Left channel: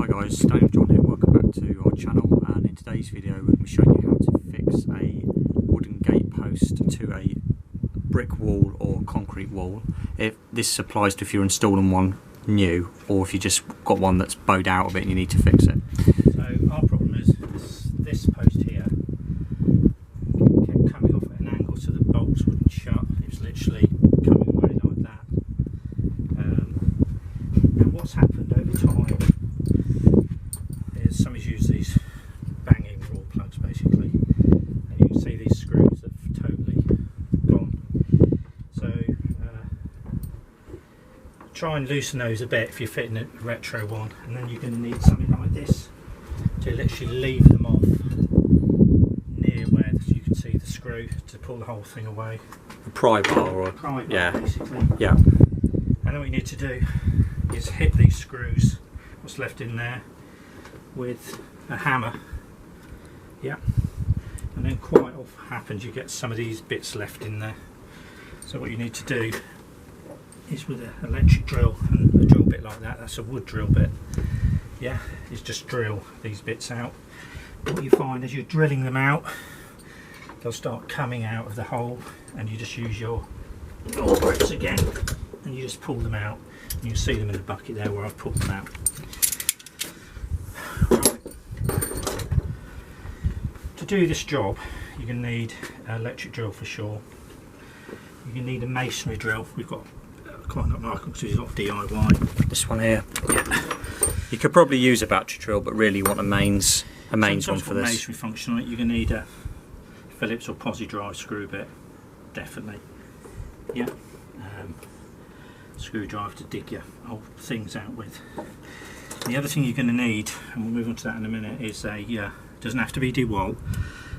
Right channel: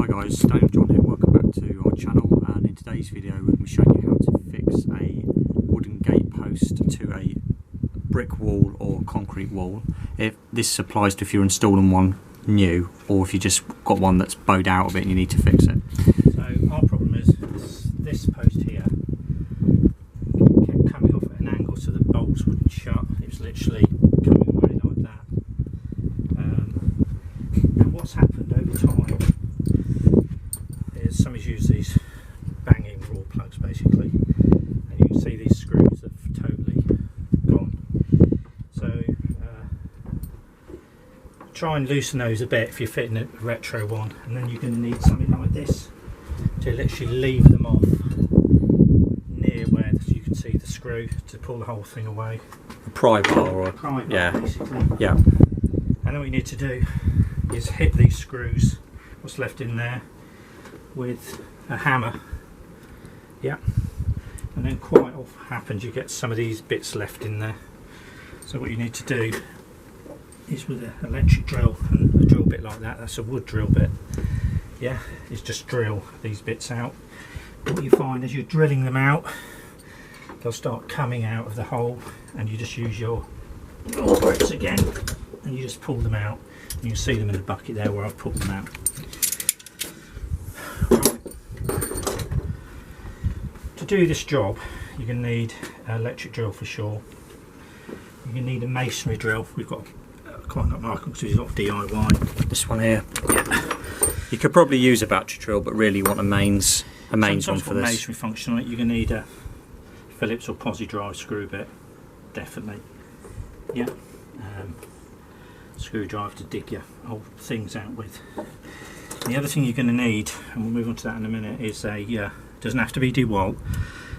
Hi guys, Daniel John here, welcome back to our channel, and in today's video we're going to be showing you how to fix a wooden gate post to a brick wall or concrete wall. If this applies to if you're installing one new, or if you just got one that's bowed out a bit and you need to fix it. So our problem is this post here kept coming off at an angle so the bolts wouldn't shut. It was literally coming away like that. And what's happened over time is somebody's used these banging raw plugs basically, and you can see these screws have totally gone. So try and loosen those a bit if you're fitting a retro one, and then you're going to need something like this to literally leave them off near where you can see the screw to pull the whole thing away. A pry bar or a pry bar, yeah, basically. Yeah. And then what you need to do is hit these screws, what's left in there, with a hammer. Yeah. And then quite often happens you get some of these bits left in there. So what you need to do is with an electric drill and a drill bit like that, that's a wood drill bit, yeah, is just drill these bits out. What you find as you're drilling them out, they'll start coming out of the hole, and you just use your grips again and you just pull them out, and you can see them in the bucket there where I've pulled them out. Right. To do this job you're going to need an electric drill for sure. You're going to need a masonry drill. We've got quite a lot of markings because it's a lot of DIY. This one here. Yeah. You could probably use a battery drill, but really you want a mains one for this. Masonry function on it. You're going to need a Phillips or posi drive screw bit, definitely. Yeah. Screwdriver to dig your old things out with. The other thing you're going to need, and we'll move on to that in a minute, is a doesn't have to be DeWalt,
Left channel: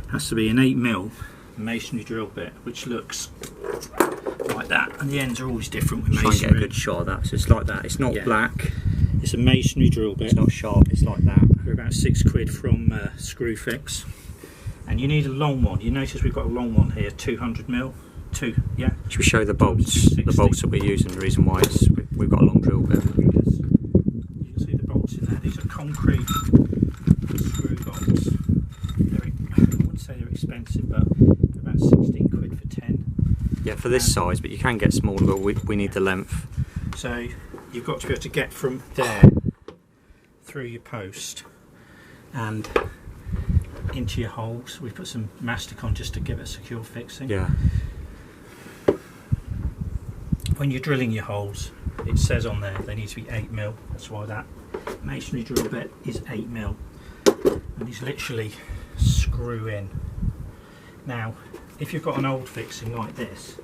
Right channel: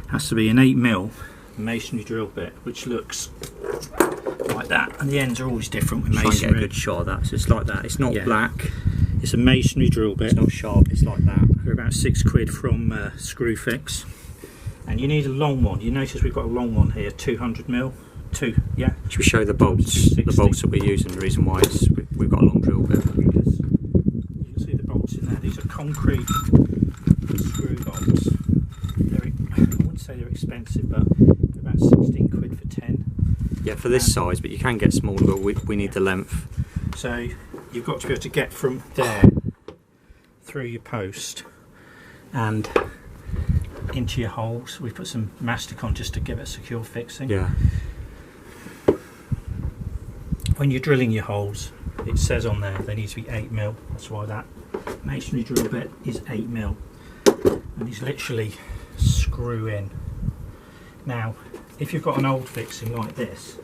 has to be an 8mm masonry drill bit, which looks like that, and the ends are always different with masonry. Try and get a good shot of that. So it's like that. It's not black. It's a masonry drill bit. It's not sharp. It's like that. They're about £6 from Screwfix, and you need a long one. You notice we've got a long one here, 200mm. Yeah. Should we show the bolts? The bolts that we're using. The reason why we've got a long drill bit. Because you can see the bolts in there. These are concrete screw bolts. I wouldn't say they're expensive, but they're about £16 for 10. Yeah, for this size, but you can get smaller. But we need the length. So you've got to be able to get from there through your post and into your holes. We put some mastic on just to give it a secure fixing. Yeah. When you're drilling your holes, it says on there they need to be 8mm. That's why that masonry drill bit is 8mm, and these literally screw in. Now if you've got an old fixing like this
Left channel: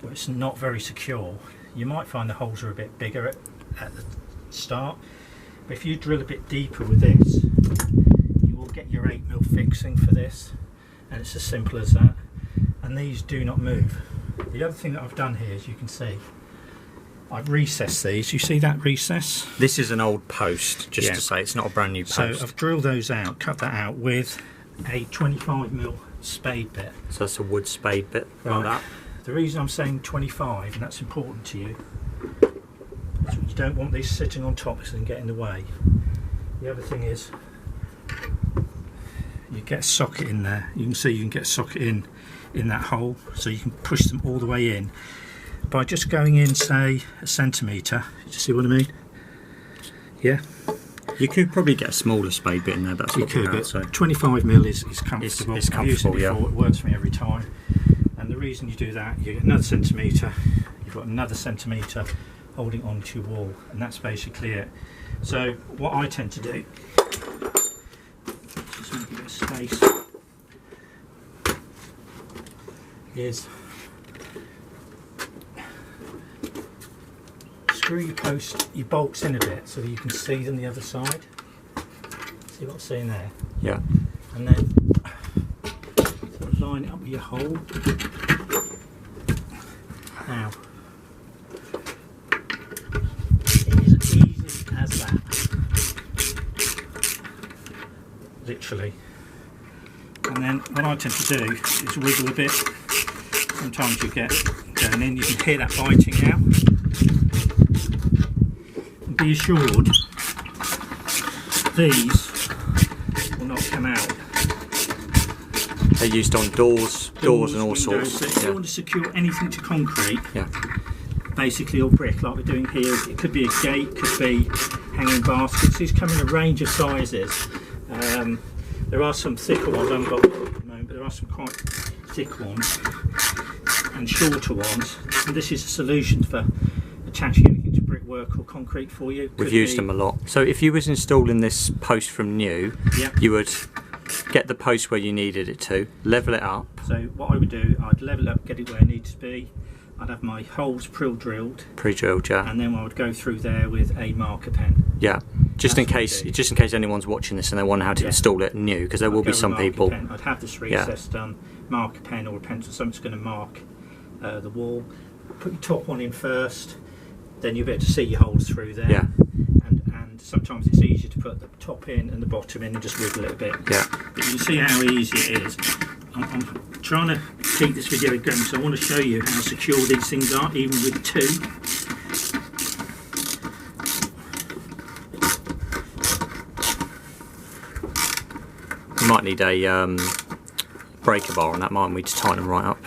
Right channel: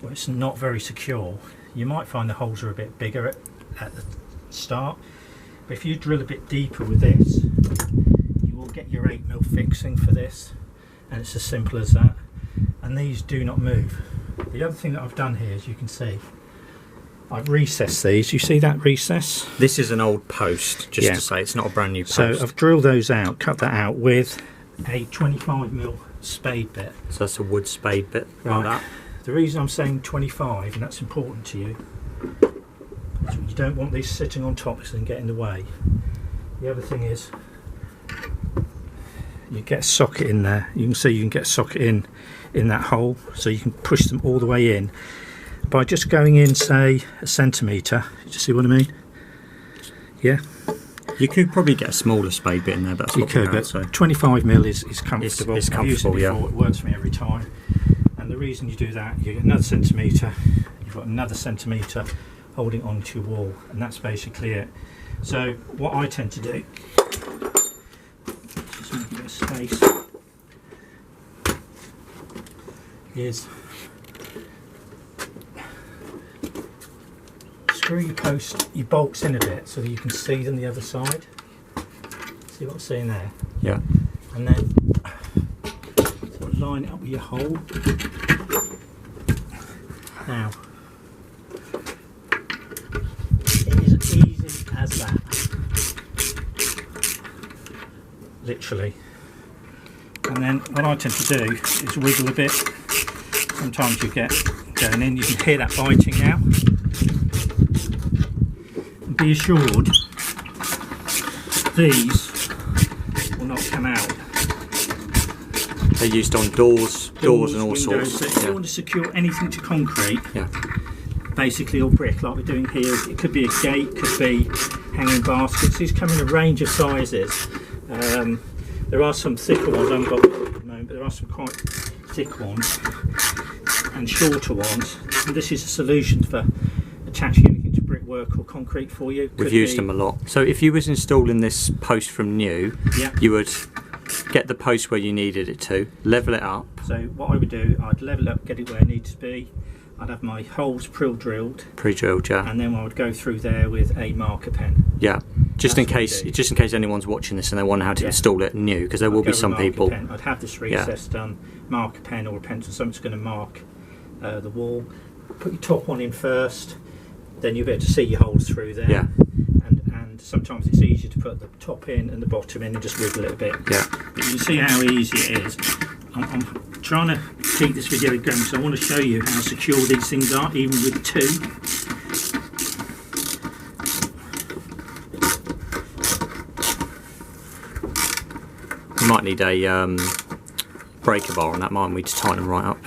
where it's not very secure, you might find the holes are a bit bigger at the start, but if you drill a bit deeper with this, you will get your 8mm fixing for this, and it's as simple as that. And these do not move. The other thing that I've done here, as you can see, I've recessed these. You see that recess? This is an old post, just to say it's not a brand new post. So I've drilled those out, cut that out with a 25mm spade bit. So that's a wood spade bit, like that. The reason I'm saying 25, and that's important to you, is you don't want these sitting on top so they can get in the way. The other thing is, you get a socket in there. You can see you can get a socket in that hole, so you can push them all the way in by just going in, say, a centimetre. You see what I mean? Yeah. You could probably get a smaller spade bit in there, but that's what you could. But 25mm is comfortable. It's comfortable, yeah. It works for me every time. And the reason you do that, you get another centimetre. You've got another centimetre holding onto your wall, and that's basically it. So what I tend to do, just make a bit of space, is screw your post, your bolts in a bit so that you can see them the other side. See what I'm saying there? Yeah. And then sort of line it up with your hole. Now, it is as easy as that. Literally. And then what I tend to do is wiggle a bit. Sometimes you get going in, you can hear that biting now. And be assured these will not come out. They're used on doors and all windows. sorts. So if you want to secure anything to concrete, basically, or brick, like we're doing here, it could be a gate, could be hanging baskets. These come in a range of sizes. There are some thicker ones, I haven't got them at the moment, but there are some quite thick ones and shorter ones. And this is a solution for attaching anything to brickwork or concrete for you. We've used them a lot. So if you was installing this post from new, you would get the post where you needed it to, level it up. So what I would do, I'd level it up, get it where it needs to be. I'd have my holes pre-drilled. Pre-drilled, yeah. And then I would go through there with a marker pen. Yeah. Just in case anyone's watching this and they wonder how to install it new, because there will be some people. I'd have this recess done, marker pen or a pencil, something's going to mark the wall. Put your top one in first, then you'll be able to see your holes through there. Yeah. And sometimes it's easier to put the top in and the bottom in and just wiggle it a bit. Yeah. But you can see how easy it is. I'm trying to keep this video going, so I want to show you how secure these things are, even with two. You might need a breaker bar on that, mightn't we, to tighten them right up.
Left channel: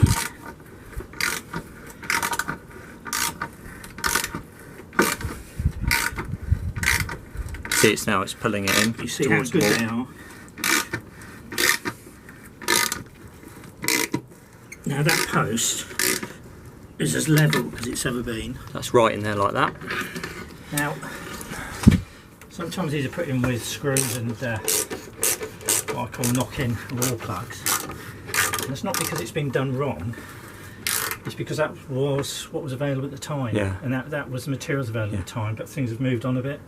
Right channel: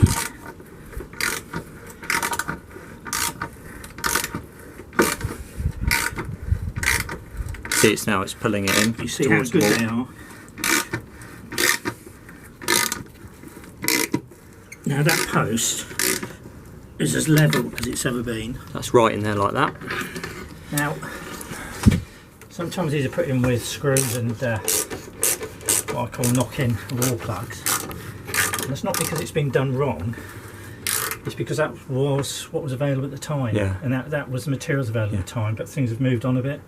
See, it's now, it's pulling it in. You see how good they are. Now that post is as level as it's ever been. That's right in there like that. Now, sometimes these are put in with screws and what I call knock-in wall plugs. And it's not because it's been done wrong, it's because that was what was available at the time. Yeah. And that was the materials available at the time, but things have moved on a bit.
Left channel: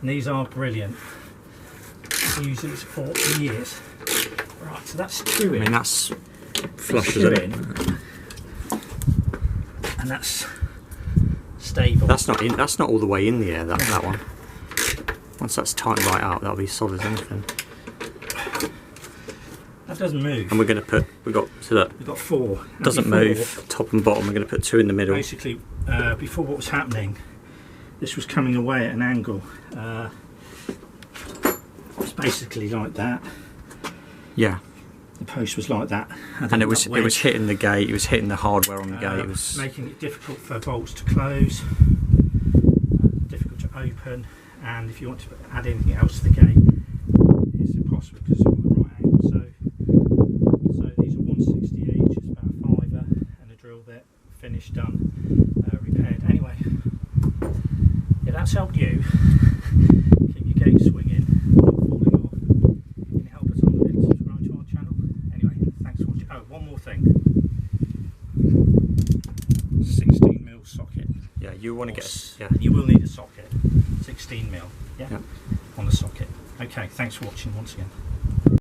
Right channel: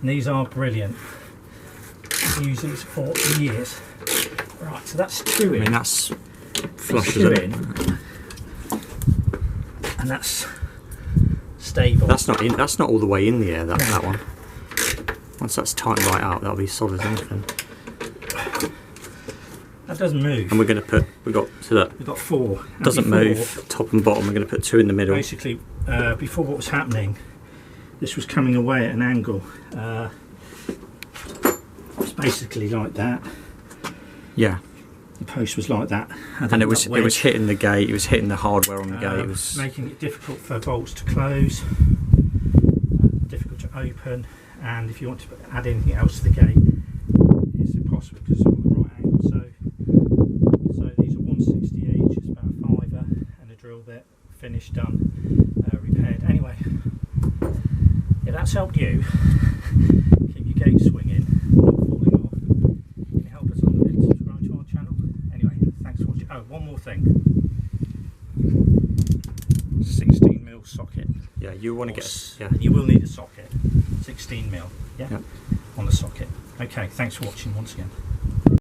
And these are brilliant. I've used these for years. Right, so that's two in. I mean, that's flush, isn't it? And that's stable. That's not in. That's not all the way in the air. That one. Once that's tightened right up, that'll be solid as anything. That doesn't move. And we're going to put. We've got four. Doesn't move. Top and bottom. We're going to put two in the middle. Basically, before what was happening, this was coming away at an angle. It's basically like that. Yeah. The post was like that, and it was hitting the gate. It was hitting the hardware on the gate. It was making it difficult for bolts to close, difficult to open, and if you want to add anything else to the gate, it's impossible because it's all at the right angle. So these are 160 each. It's about a £5 and a drill bit, finished, done, repaired. Anyway, if that's helped you keep your gate swinging, not falling off, can you help us on the bit and subscribe to our channel? Anyway, thanks for watching. Oh, one more thing. 16mm socket. Yeah, you want to get. And you will need a socket. 16mm. Yeah. On the socket. Okay, thanks for watching once again.